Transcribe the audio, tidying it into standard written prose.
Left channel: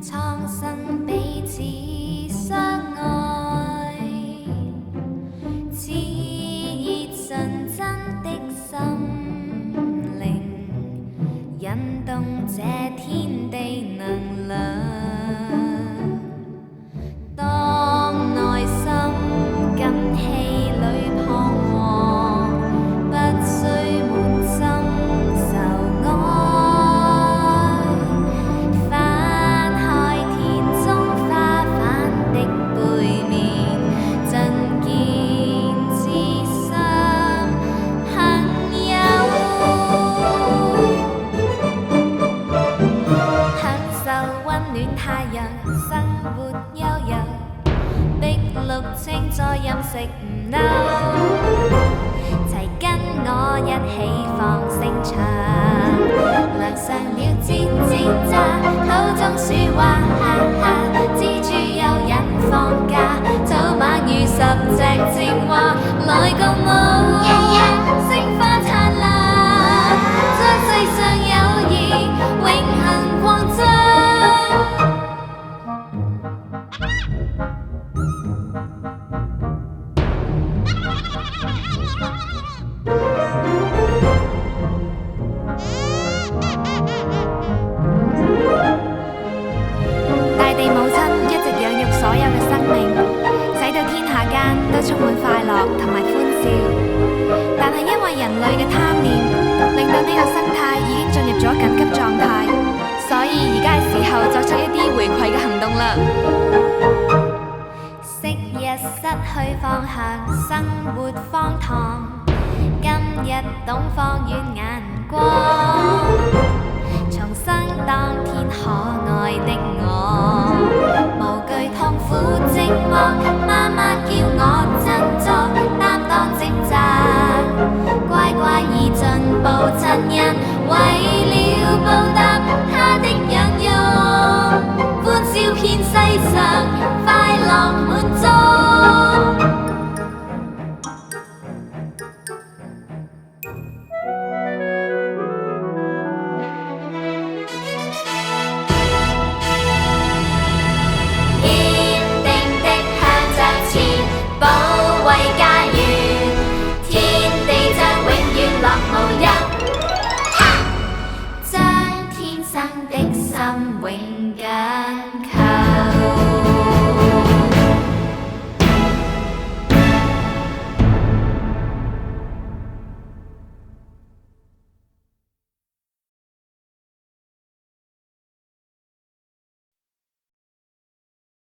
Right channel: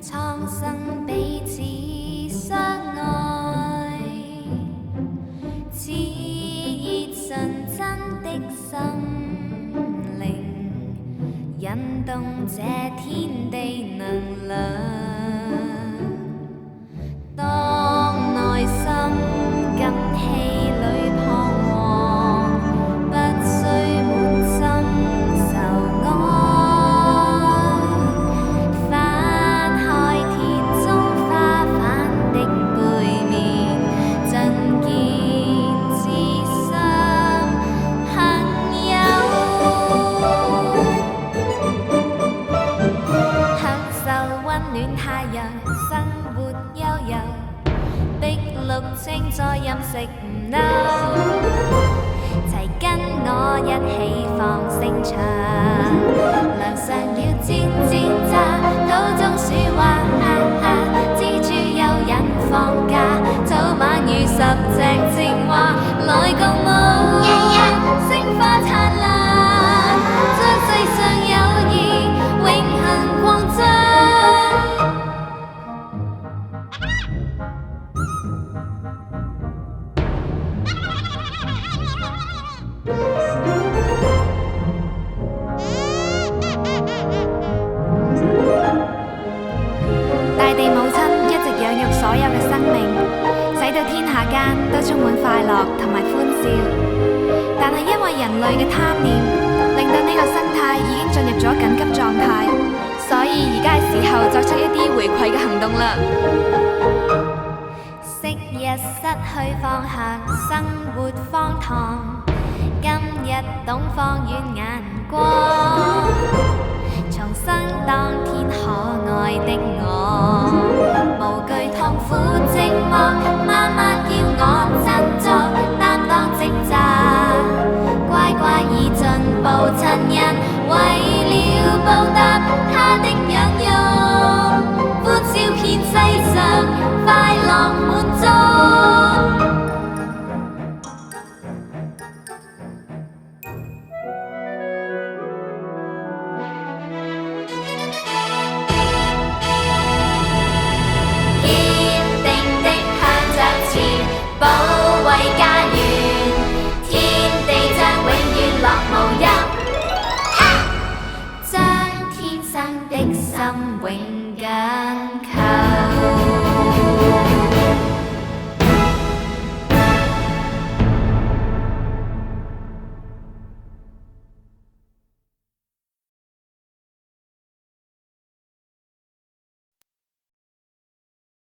蒼生彼此相愛，熾熱純真的心靈，引動這天地能量。當內心緊氣裏彷徨，不需滿心愁哀，翻開田中花瓣的背面，盡見至深幸有，享受溫暖太陽，生活悠悠，碧綠青菜任食唔嬲，齊跟我一起放聲唱，亮上了吱吱喳，土中鼠話哈哈，蜘蛛有人放假，早晚如10隻青蛙來共舞，星花燦爛，將世上友誼永恆擴張。大地母親一直養育所有嘅生命，使到天下間都充滿快樂同埋歡笑。但係因為人類嘅貪念，令到呢個生態已經進入咗緊急狀態，所以而家係時候作出一啲回饋嘅行動啦。昔日失去方向，生活荒唐，今日懂放遠眼光，重生當天可愛的我。